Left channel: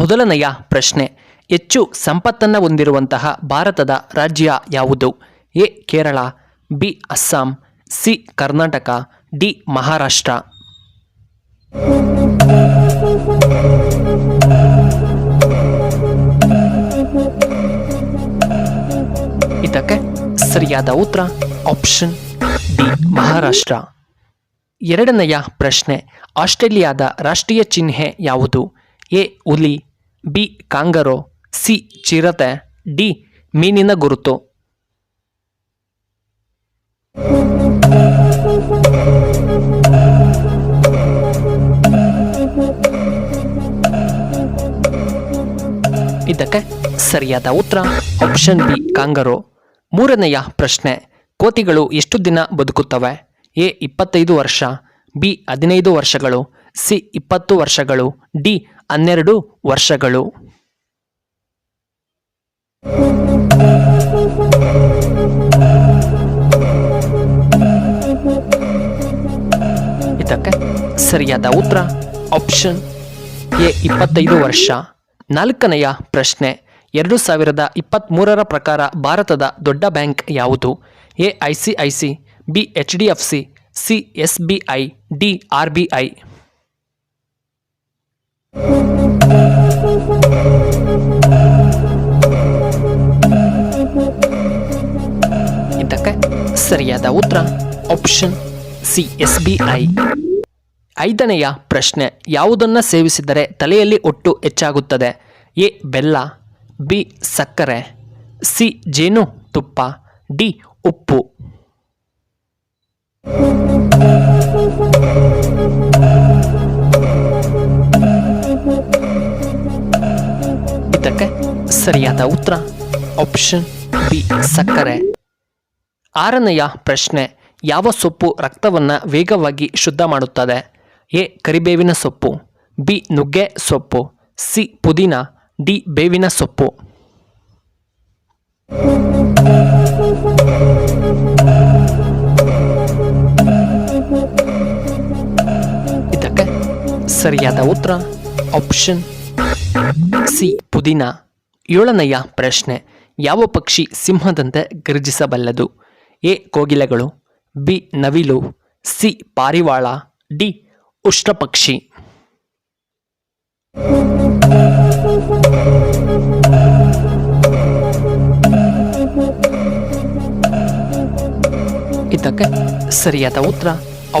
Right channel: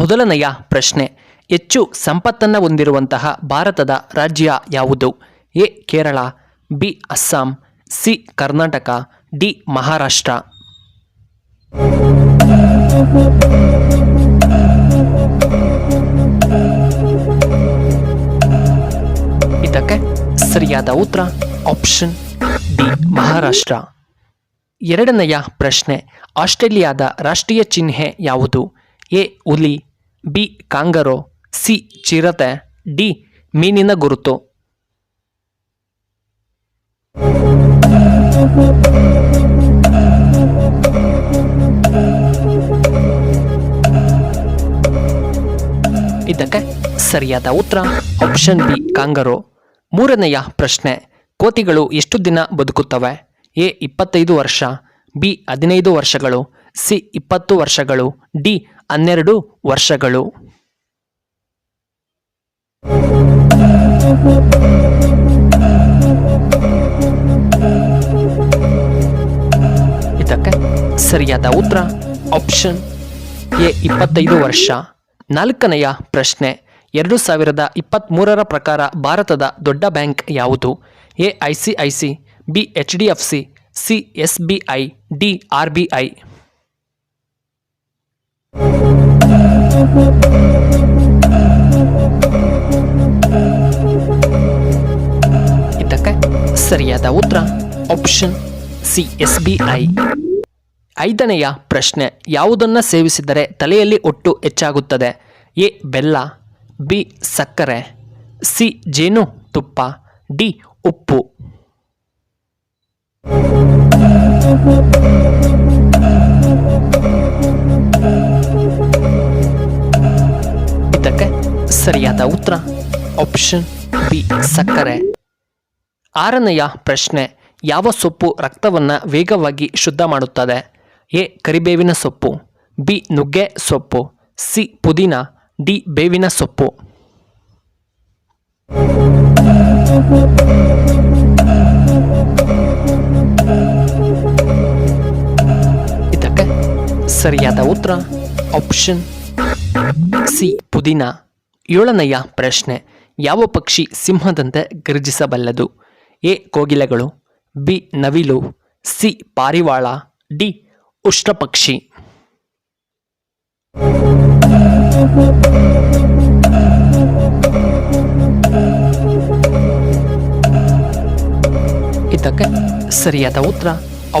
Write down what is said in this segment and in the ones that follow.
ಮೊದಲನೆಯ ಪ್ರಶ್ನೆ, ಹೆಚ್ಚು ಸಂಪತ್ತನ್ನು ಹೊಂದಿರುವಂತಹ ಭಾರತದ ರಾಜ್ಯ ಯಾವುದು? A Kerala, B Assam, C Karnataka, D Maharashtra. ಇದಕ್ಕೆ ಸರಿಯಾದ ಉತ್ತರ ಆಪ್ಷನ್ ಡಿ ಮಹಾರಾಷ್ಟ್ರ. ಎರಡನೆಯ ಪ್ರಶ್ನೆ, ಆಸ್ಟ್ರೇಲಿಯಾದ ರಾಷ್ಟ್ರೀಯ ಚಿಹ್ನೆ ಯಾವುದು? ಎ ಹುಲಿ, ಬಿ ಕಾಂಗರೋ, ಸಿ ಚಿರತೆ, ಡಿ ಮೀನಿನ ಗುರುತು. ಇದಕ್ಕೆ ಸರಿಯಾದ ಉತ್ತರ ಆಪ್ಷನ್ ಬಿ ಕಾಂಗರೋ. ಮೂರನೆಯ ಪ್ರಶ್ನೆ, ಕೋತಿಗಳು ಎಷ್ಟು ದಿನ ಬದುಕುತ್ತವೆ? ಎ 25 ವರ್ಷ, ಬಿ 15 ವರ್ಷಗಳು, ಸಿ 20 ವರ್ಷಗಳು, ಡಿ 12 ವರ್ಷಗಳು. ಇದಕ್ಕೆ ಸರಿಯಾದ ಉತ್ತರ ಆಪ್ಷನ್ ಎ 25 ವರ್ಷ. ನಾಲ್ಕನೆಯ ಪ್ರಶ್ನೆ, 2023 ಪ್ರಕಾರ ಭಾರತದ ದೊಡ್ಡ ಬ್ಯಾಂಕ್ ಯಾವುದು? A ICIC, B HDFC, C SBI, D RBI. ಇದಕ್ಕೆ ಸರಿಯಾದ ಉತ್ತರ ಆಪ್ಷನ್ ಸಿ SBI. ಐದನೆಯ ಪ್ರಶ್ನೆ, ಯಾವುದನ್ನು ಸೇವಿಸಿದರೆ ತಲೆಯಲ್ಲಿ ಹೊಟ್ಟು ಹೆಚ್ಚಾಗುತ್ತದೆ? ಎ ಬೆಲ್ಲ, ಬಿ ಸಕ್ಕರೆ, ಸಿ ಜೇನು ತುಪ್ಪ, ಡಿ ಉಪ್ಪು. ಇದಕ್ಕೆ ಸರಿಯಾದ ಉತ್ತರ ಆಪ್ಷನ್ ಬಿ ಸಕ್ಕರೆ. ಆರನೆಯ ಪ್ರಶ್ನೆ, ಯಾವ ಸೊಪ್ಪು ರಕ್ತವನ್ನು ವೇಗವಾಗಿ ಶುದ್ಧ ಮಾಡುತ್ತದೆ? ಎ ಕರಿಬೇವಿನ ಸೊಪ್ಪು, ಬಿ ನುಗ್ಗೆ ಸೊಪ್ಪು, ಸಿ ಪುದೀನ, ಡಿ ಬೇವಿನ ಸೊಪ್ಪು. ಇದಕ್ಕೆ ಸರಿಯಾದ ಉತ್ತರ ಆಪ್ಷನ್ ಸಿ ಪುದೀನ. ಏಳನೆಯ ಪ್ರಶ್ನೆ, ಯಾವ ಪಕ್ಷಿ ಸಿಂಹದಂತೆ ಗರ್ಜಿಸಬಲ್ಲದು? ಎ ಕೋಗಿಲೆಗಳು, ಬಿ ನವಿಲು, ಸಿ ಪಾರಿವಾಳ, ಡಿ ಉಷ್ಟ್ರಪಕ್ಷಿ. ಇದಕ್ಕೆ ಸರಿಯಾದ ಉತ್ತರ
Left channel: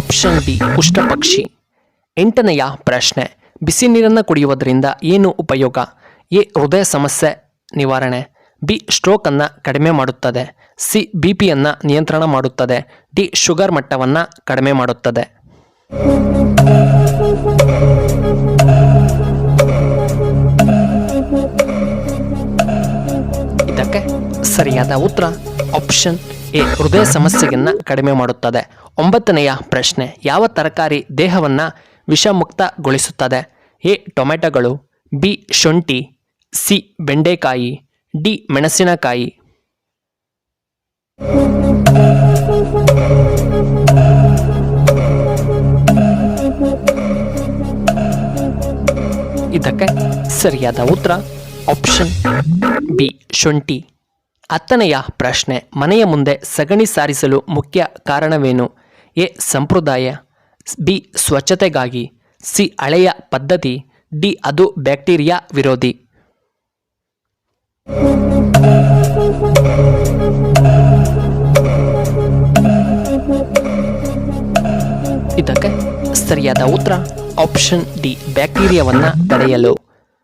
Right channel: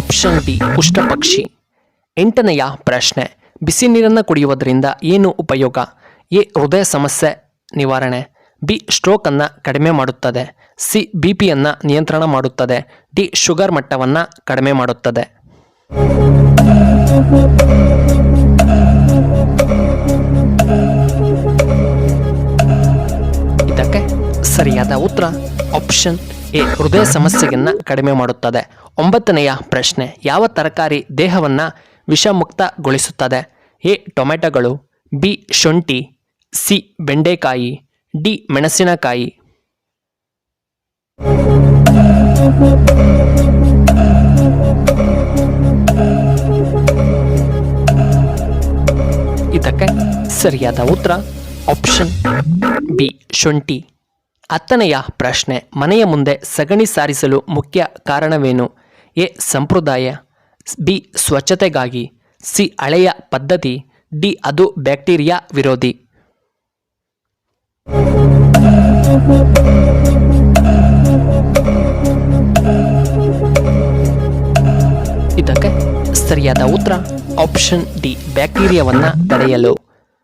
ಆಪ್ಷನ್ ಡಿ ಉಷ್ಟ್ರಪಕ್ಷಿ. ಎಂಟನೆಯ ಪ್ರಶ್ನೆ, ಬಿಸಿ ನೀರನ್ನು ಕುಡಿಯುವುದರಿಂದ ಏನು ಉಪಯೋಗ? ಎ ಹೃದಯ ಸಮಸ್ಯೆ ನಿವಾರಣೆ, ಬಿ ಸ್ಟ್ರೋಕನ್ನು ಕಡಿಮೆ ಮಾಡುತ್ತದೆ, ಸಿ BPಯನ್ನು ನಿಯಂತ್ರಣ ಮಾಡುತ್ತದೆ, ಡಿ ಶುಗರ್ ಮಟ್ಟವನ್ನು ಕಡಿಮೆ ಮಾಡುತ್ತದೆ. ಇದಕ್ಕೆ ಸರಿಯಾದ ಉತ್ತರ ಆಪ್ಷನ್ ಎ ಹೃದಯ ಸಮಸ್ಯೆಯನ್ನು ಕಡಿಮೆ ಮಾಡುತ್ತದೆ. ಒಂಬತ್ತನೆಯ ಪ್ರಶ್ನೆ, ಯಾವ ತರಕಾರಿ ದೇಹವನ್ನು ವಿಷಮುಕ್ತಗೊಳಿಸುತ್ತದೆ? ಎ ಟೊಮೆಟೊಗಳು, ಬಿ ಶುಂಠಿ, ಸಿ ಬೆಂಡೆಕಾಯಿ, ಡಿ ಮೆಣಸಿನಕಾಯಿ. ಇದಕ್ಕೆ ಸರಿಯಾದ ಉತ್ತರ ಆಪ್ಷನ್ ಬಿ ಶುಂಠಿ. ಹತ್ತನೆಯ ಪ್ರಶ್ನೆ, ಮನೆಯ ಮುಂದೆ ಸಗಣಿ ಸಾರಿಸಲು ಮುಖ್ಯ ಕಾರಣವೇನು? ಎ ಸಂಪ್ರದಾಯ, ಬಿ ಸ್ವಚ್ಛತೆಗಾಗಿ, ಸಿ ಹಳೆಯ ಪದ್ಧತಿ, ಡಿ ಅದು ಬ್ಯಾಕ್ಟೀರಿಯಾ ವಿರೋಧಿ. ಇದಕ್ಕೆ ಸರಿಯಾದ ಉತ್ತರ ಆಪ್ಷನ್ ಡಿ ಬ್ಯಾಕ್ಟೀರಿಯಾವನ್ನು ತಡೆಯಲು.